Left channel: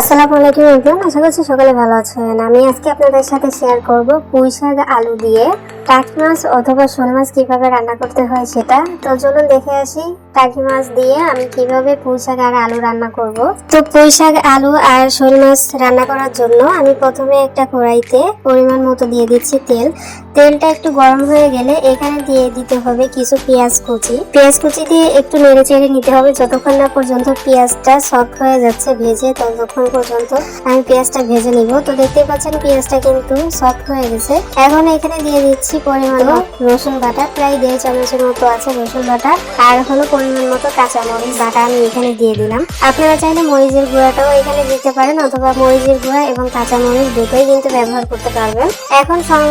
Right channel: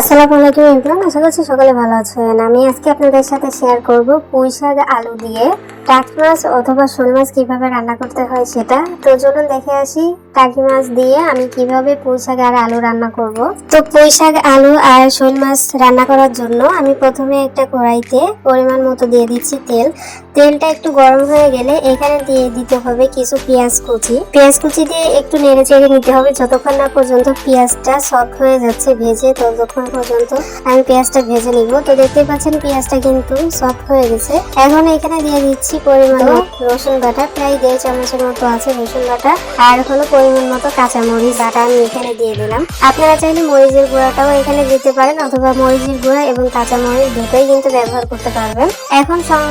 আসসালামু আলাইকুম এভরিওয়ান, আশা করছি সকালে ভালো আছেন। আমি আজকে আপনাদের সাথে শেয়ার করব পুঁই শাক আলু দিয়ে। টাকি মাছ অথবা শোল মাছ কীভাবে রান্না করতে হয় সেটা? তো চলুন দেখে আসি টাকি মাছ দিয়ে আমি কীভাবে পুঁই শাক আর আলু রান্না করব। তো পুঁই শাক, আলু আর শোল মাছ রান্না করার জন্য আমি প্রথমে একটা কড়াইতে পরিমাণ মতো দিয়ে দিচ্ছি তেল। তেলটা একটু গরম হয়ে গেলে এখানে দিয়ে দিতে হবে কিছু পেঁয়াজ কুচি। পেঁয়াজ কুচি দিয়ে একটু নেড়ে চেড়ে নিতে হবে, যতক্ষণ না পর্যন্ত পেঁয়াজটা সফট হয়ে যাচ্ছে, ভেজে ততক্ষণ পর্যন্ত আমি পেঁয়াজটা ভেজে নিব। তো দেখতে পাচ্ছেন পেঁয়াজটা কিন্তু সফট হয়ে গেছে। এখন এখানে দিয়ে দিচ্ছি পরিমাণ রসুন বাটা, প্রায় দেড় চামচের মতো আছে রসুন বাটা, আর হলো পরিমাণ মতো কাঁচা মরিচ বাটা আমি এখানে দিয়ে দিলাম। আপনারা চাইলে মরিচের গুঁড়াটাও এখানে দিতে পারেন, অথবা মরিচের গুঁড়া এবং কাঁচা মরিচ দুটোই কিন্তু ব্যবহার করতে পারবেন। এখন সব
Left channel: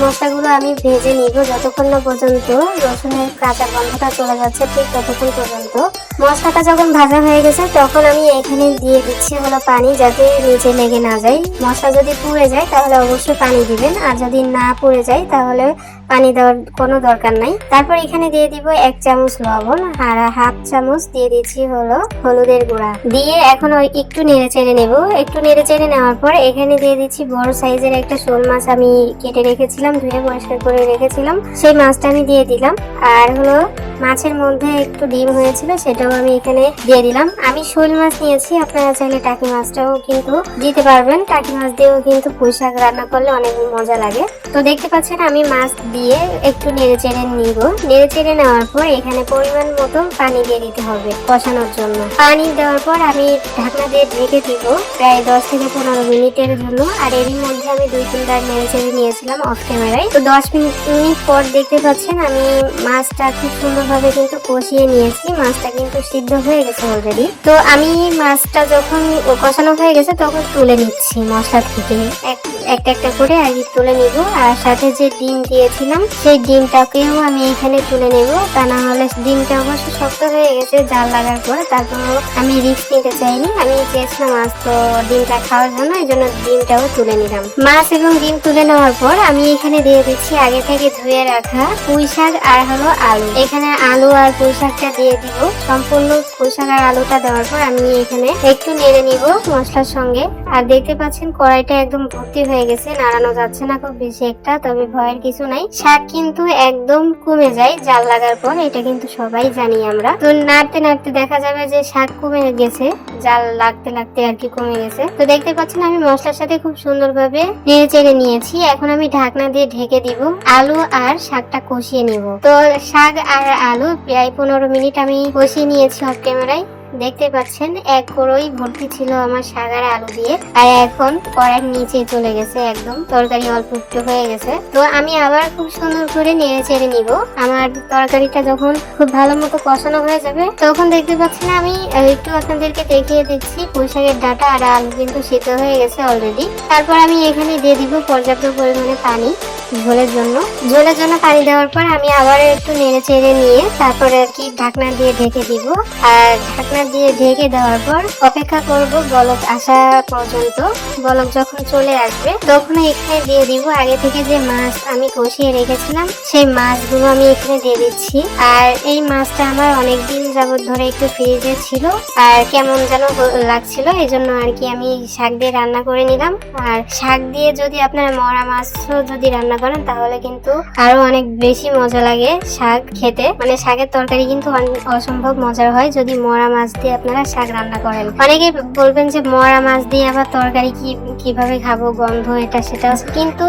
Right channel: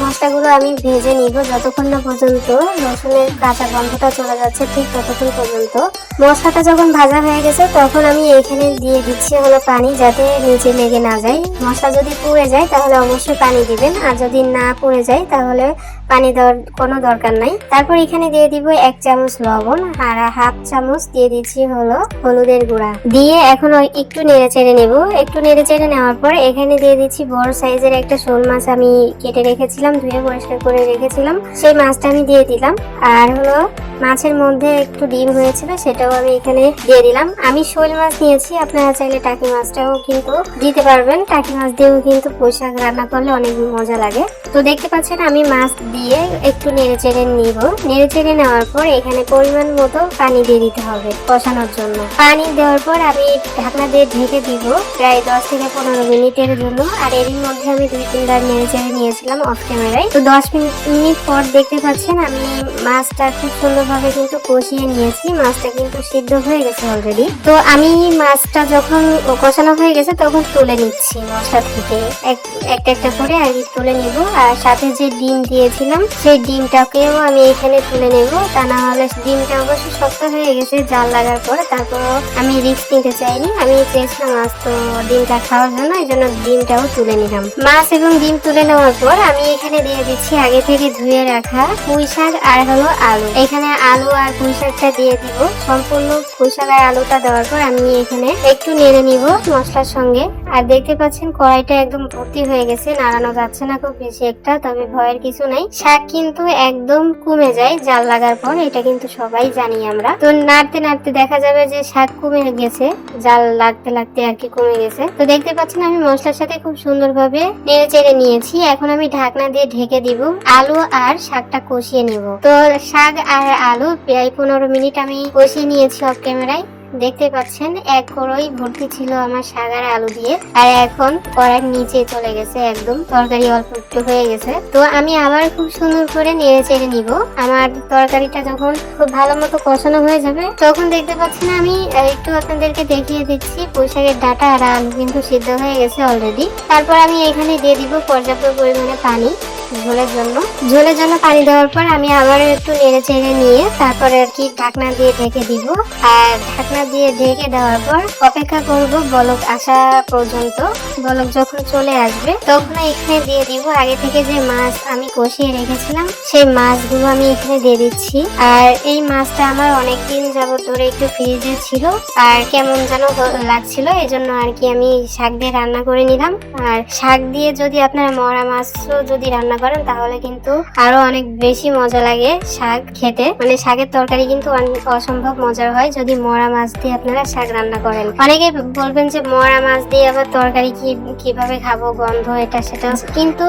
মশলাগুলো আমি ভেজে নিব, যতক্ষণ না পর্যন্ত রসুনের কাঁচা গন্ধটা চলে যাচ্ছে, ঠিক ততক্ষণ পর্যন্ত মশলাটা যখন ভাজা হয়ে গেছে, তখন আমি এখানে দিয়ে দিচ্ছি হলো পানি যাতে নিচে লেগে না যায়। মশলা যদি পুড়ে যায়, তাহলে অবশ্যই পানি দেবেন। আর যদি না পুড়ে যায়, তাহলে পানি দেওয়ার কোনো দরকার নাই। তারপর এখানে দিয়ে দিব এক চামচ লবণ আর হাফ চামচ দিয়ে দিচ্ছি হলো হলুদের গুঁড়া। দিয়ে এখন একটু নেড়ে চেড়ে নেব। একটু নেড়ে চেড়ে নেওয়ার পর এখানে দিয়ে দিচ্ছি বড় সাইজের একটা শোল মাছ আমি কেটে রেখেছিলাম, ধুয়ে পরিষ্কার করে রেখেছিলাম। সেই মাছটা আমি দিয়ে দিলাম। আর হলো মাছের মধ্যে একটু ডিম হয়েছিল সেটাও আমি এখানে দিয়ে দিলাম। আমি শোল মাছ নিয়েছি, আপনারা চাইলে টাকি মাছটাও কিন্তু দিতে পারবেন। টাকি মাছ দিয়েও কিন্তু পোশাক রান্না করলে অনেক মজা লাগে। তো দেখতে পাচ্ছেন, আমি মাছ দিয়ে একটু নেড়ে চেড়ে নিব। নেড়ে চেড়ে নেওয়ার পর এখানে পরিমাণ মতো পানি দিয়ে দিতে হবে কষানোর জন্য। পানি দেওয়ার পর আমি ঢাকনা দিয়ে ঢেকে দিব প্রায় দশ থেকে পনেরো মিনিটের জন্য। আর এরই মধ্যে আমি দুই, তিনবার নেড়ে চেড়ে নিয়েছিলাম অফ ক্যামেরায় তো দশ মিনিট পর দেখতে পাচ্ছেন, আমি মাছটা খুব সুন্দরভাবে কিন্তু কষিয়ে নিয়েছি। মাছটা কিন্তু সিদ্ধ হয়ে গেছে অলরেডি তো আমি মাছটা যখন কষানো হয়ে গেছে, তখন তুলে নিচ্ছি মশলা থেকে। এক একটা একটা করে আমি তুলে নিব। আর সাথে যে ডিম দিয়েছিলাম, সেই ডিমটাকেও আমি এখানে তুলে নিব। তা না হলে ডিমটা অবশ্য শক্ত হয়ে গেছে, জাল লাগার পরে তারপর আমি রিস্ক নিতে চাইনি। আমি চেয়েছিলাম মাছ তো ডিমটা খাওয়ার জন্য, এই জন্য ডিমটাও তুলে নিলাম। মাছ এবং ডিম তুলে নেওয়ার পর আমি এখানে দিয়ে দিচ্ছি আগে থেকে ধুয়ে রাখা পুঁই শাক আর হলো আলু। এখানে আলু আর পুঁই শাকটা দিয়ে দিব। সম্পূর্ণ শাক আর আলুটা দেওয়ার পর আমি এখানে একটু নেড়ে নিব মশলার সঙ্গে। আর দেখতে পাচ্ছেন, কড়াইটা একদম ভর্তি হয়ে গেছে, নাড়ানো যাচ্ছে না খুব বেশি একটা, তবে ভয়ের কিছু নাই। শাক কিন্তু একদম কমে যায় জাল লাগার পর, এটা কিন্তু সবাই জানি আমরা। তো নাড়তে নাড়তে দেখা যাবে যে শাক কমে গেছে, জাল লাগতে লাগতে আর কি কমে গেছে। তো দেখতে পাচ্ছেন, আমি মশলার সাথে খুব সুন্দরভাবে নেড়ে চেড়ে নিয়েছি। এখন আমি ঢাকনা দিয়ে ঢেকে দিব, আলু আর শাকটা কষিয়ে নিব। তো শাক আর আলু প্রায় পনেরো মিনিট আমি কষিয়ে নিয়েছি অফ ক্যামেরায়। দেখতে পাচ্ছেন, এক কড়ই ভর্তি ছিল আমার সাগার আলু দিয়ে, আর এখন কড়াই নিচে চলে গেছে একদম, তরকারি অল্প একটু হয়ে গেছে। তো আমি আবার খুব সুন্দর করে নেড়ে চেড়ে নিব। আমার তরকারিটা যখন খুব ভালো মতো কষানো হয়ে যাবে, তখন দেখতে পাচ্ছেন আমি একটু আপনাদেরকে দেখিয়ে দিচ্ছি, পোশাকের ডাটা আর আলু কিন্তু সিদ্ধ হয়ে গেছে অলরেডি তারপর আমি এখানে দিয়ে দিব পর্যাপ্ত পরিমাণে পানি। ঝোলের জন্য। ঝোলের জন্য পানি দেওয়ার পর আমি আবার একটু নেড়ে চেড়ে নিয়ে তারপরে আর কি ঢাকনা দিয়ে ঢেকে দিব। আর ঢাকনা দিয়ে ঢেকে দেওয়ার পর অপেক্ষা করব বলক আসা পর্যন্ত। বলক যখন চলে আসবে তখন এখানে দিয়ে দিব। আগে থেকে যে মাছ আমি কষিয়ে রেখেছিলাম, সেই মাছগুলো আমি এখানে দিয়ে দিচ্ছি। আর এই মাছটা আমার অনেক দিন যাবত ধরে একটু ফ্রিজে ছিল আর কেমন যেন লাগছিল এই জন্য আর কি আমি শাক দিয়ে রান্না করে নিলাম। আর শাক দিয়ে যদি আপনারা মরা মাছও যদি রান্না করেন, তাহলে কিন্তু আরও অনেক বেশি মজা লাগে শাক খেতে। মানে শাকের তরকারি কিন্তু অসম্ভব মজার হয় যদি মরা মাছ দিয়ে আপনারা শাক রান্না করেন। অনেকে বলবেন যে মরা মাছ দিয়ে আবার তরকারি কি, কীভাবে খাব, গন্ধ এটা সেটা কিন্তু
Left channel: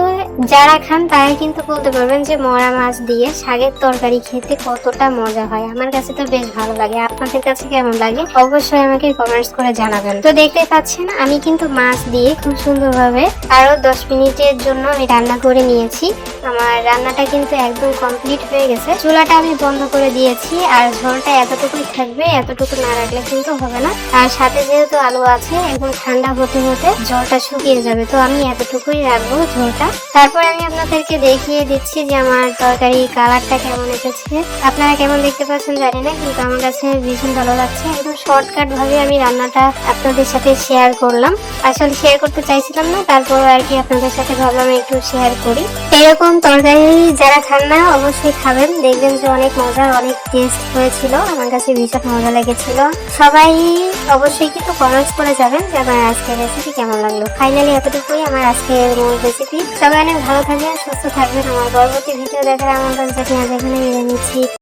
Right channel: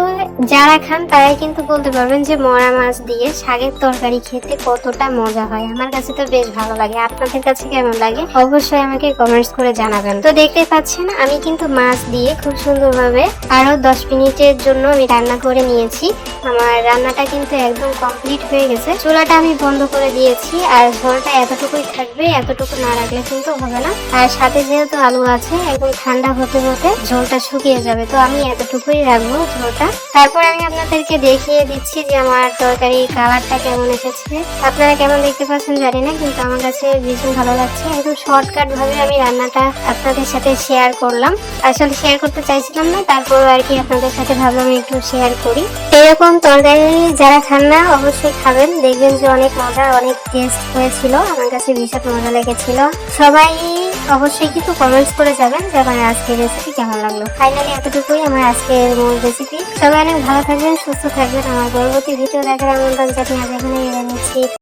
যারা খান, তারাই কিন্তু বলতে পারবেন যে মরা মাছ দিয়ে শাকের তরকারি খেতে কতটা মজা হয়। আমার কাছে তো বেশ ভালো লাগে। আপনাদের কাছে কেমন লাগে? অবশ্যই আমাকে কমেন্টস করে জানাবেন। তো দেখতে পাচ্ছেন, আমি কিন্তু মাছ দিয়ে খুব সুন্দরভাবে আরও দশ মিনিটের জন্য আমি রান্না করে নিয়েছি। আমার রান্নাটা কিন্তু একদম কমপ্লিট হয়ে গেছে। চুলাটা আমি বন্ধ করে দিয়েছি আর ঝোলটা এতটুকুই থাকবে, এতটুকু না রাখলে কিন্তু হবে না। আর সাথে যেহেতু আলু আছে, একদম ঠান্ডা হতে হতে ঝোলটা শুকিয়ে যাবে, তো আমি এতটুকুই রাখব ঝোলটা। তারপর আমি আপনাদেরকে দেখিয়ে দিচ্ছি যে আমার তরকারি কালারটা কেমন এসেছে। আপনারা কেমন দেখতে পাচ্ছেন জানি না, কিন্তু আমার কাছে ভীষণ ভালো লাগছে। একদম শর্টকাট ভাবে আমি রান্নাটা আপনাদের সাথে শেয়ার করলাম। আসলে শেয়ার করতে চাইছিলাম না তারপর আর কি আপনাদের সাথে ভাবলাম একটু শেয়ার করি। এরকম তরকারি যারা খান না, অবশ্যই খাবেন। দেখবেন যে অনেক মজা অনেক টেস্ট হয়েছিল। আমার কাছে ভীষণ মজা লেগেছিল। সবাই অবশ্যই কিন্তু কমেন্টস করে যাবেন যে আমার আজকের রেসিপি কেমন লাগল। ফাইনালি এতটুকুই আমার আজকের রেসিপি সবাই অনেক ভালো থাকবেন, সুস্থ থাকবেন। আমার পরবর্তী ভিডিও দেখার আমন্ত্রণ এখানে এনে নিচ্ছি।